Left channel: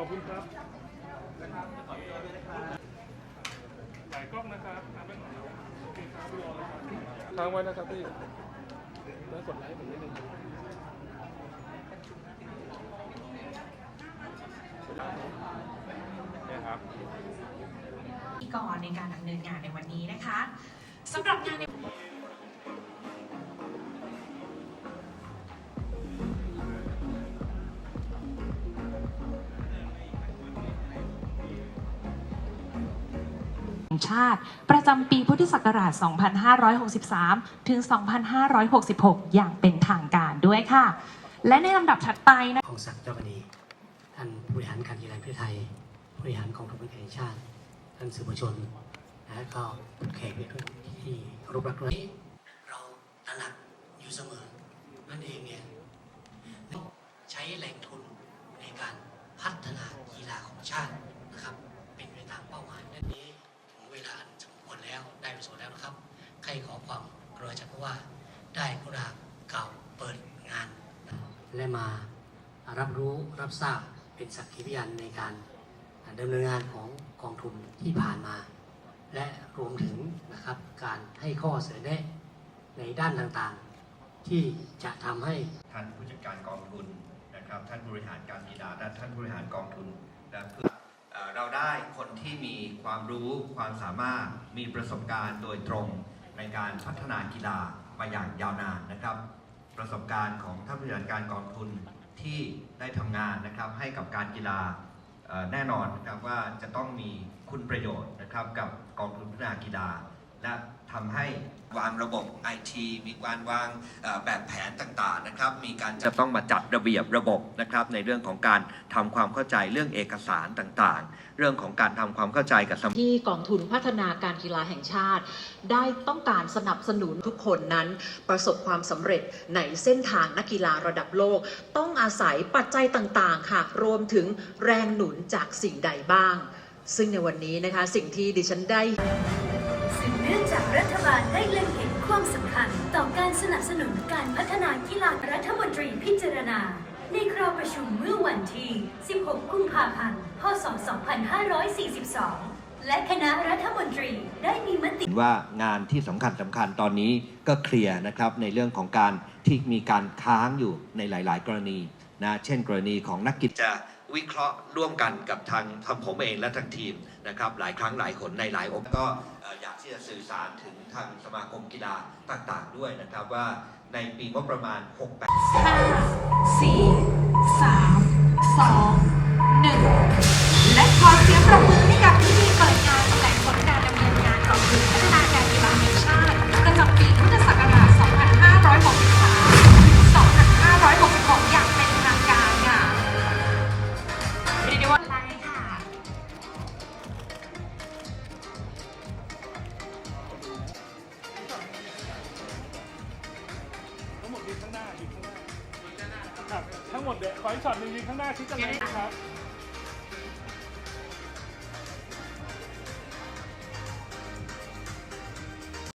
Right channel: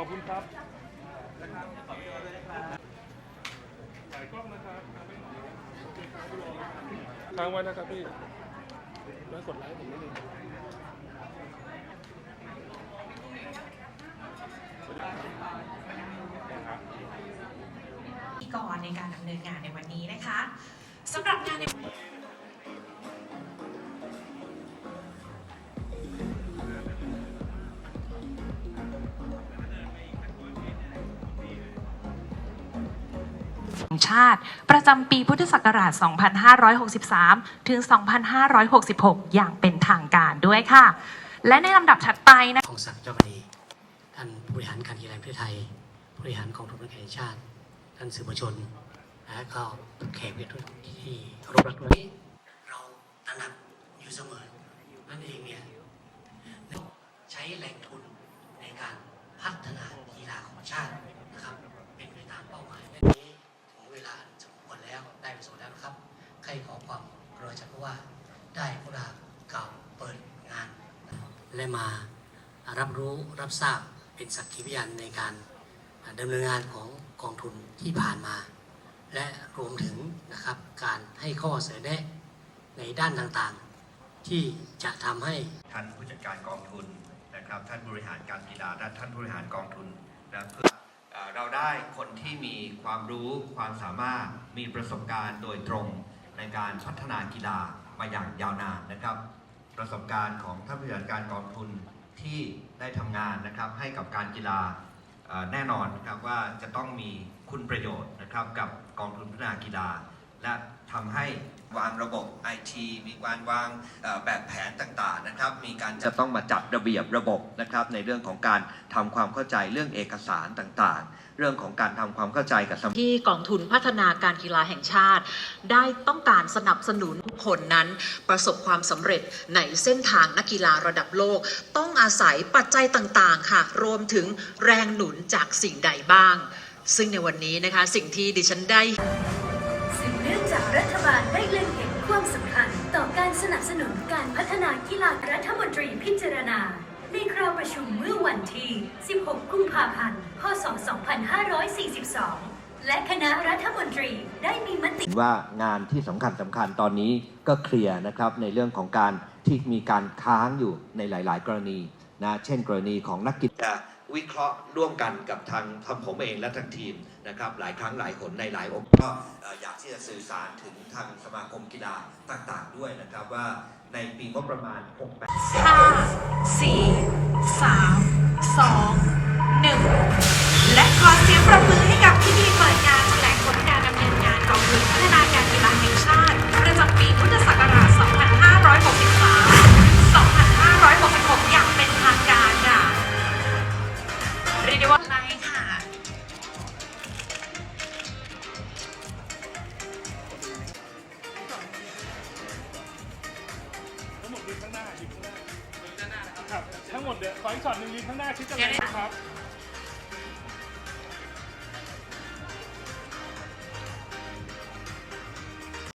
อบคุณครับถ่ายกล้องนะครับโอเคครับค้างไว้นะครับพี่แล้วกดไลค์ผมนิดนึงพิธีกรในการดำเนินงานในวันนี้นะคะสำหรับงานใน งชาติ ประจำปีพุทธศักราช 2563 ถึง 2566 อย่างเป็นทางการด้วยค่ะ และในลำดับถัดไปนะของศักดิ์เจ้าพนีท่านผู้บริหารการกีฬาประเทศไทยผู้บริหารกองทุนแห่งชาติ ท่านสื่อมวลชนและก็แขกทุกที่เคารพรักด้วยเราตระหนักอยู่เสมอนั่นเองเนี่ยใช้แหล่ง ใครขอความกรุณาจากว่าได้กรุณาเก่าเปิดงาน และมารับรู้รับทราบเป็นสักขีพยานในการดำเนินงานของกองทุนที่ผ่านมา และรวมถึงนะครับการให้ข้อเสนอแนะในด้านต่างๆ ที่จะทำให้ท่านผู้จัดการกองทุนนะครับท่านบริหารการกีฬาและท่านบริหารกองทุนนะเพื่อเราได้คนที่มีความรู้ความสามารถมีประสบการณ์โดยตรง ในการพัฒนากีฬามาอย่างยาวนานนะครับ ประสบการณ์ของท่านผู้จัดการกองทุนที่ได้ทำงานนะครับ ให้กับการกีฬาแน่นอนนะครับว่าจะต้องมีคุณประโยชน์นะครับกับกองทุนพัฒนากีฬา และทำให้วางระบบ IT มีการวางเอ่อแบบแผนต่างๆนะครับมีการจะต้องมาจัดระเบียบระบบนะครับในเรื่องของการทำความเข้าใจเรื่องเอกสารต่างๆ เรื่องของการทำความเข้าใจกับสที่กองทุนพัฒนาการกีฬาแห่งชาติ ได้ต้องการสนับสนุนทุกคนนั้น ประสบความสำเร็จในเส้นทางนักกีฬาระดับโลก ต้องอาศัยปัจจัยต่างๆค่ะรวมถึงแรงหนุนจากสิ่งใดบ้าง ซึ่งในวันนี้นะคะสิ่งที่ดิฉันได้สืบเนื่อง จากรัฐบาลได้เล็งเห็นความสำคัญ ต่อการสนับสนุนการพัฒนากีฬารัฐมนตรีพิจารณา ในคราวประชุมเมื่อวันที่ 16 กุมภาพันธ์ พศ 2542 และคณะรัฐมนตรีได้มีมติว่างานที่สำคัญสำคัญตอนนี้ก็เคลียร์นะครับในเรื่องของการที่มีการค้างอยู่ในหลาย ๆ กรณีนะเช่น กรณีของนักกีฬาจ วิเคราะห์ร่วมกันกับทางทางผมเองและทางทีมนะครับหลายครั้งหลายคนในหลายองค์ก็อยากที่จะสื่อสารถึงทางสมาคมกีฬาต่างๆด้วยนะครับว่าในปีงบประมาณ 6 5 4 3 2 ยืนข้างหน้ายืนข้างหน้า ครับ ทั้งหมดเดี๋ยวขออีกช็อตหนึ่งยืนข้างหน้าชิดกันเลยนะครับ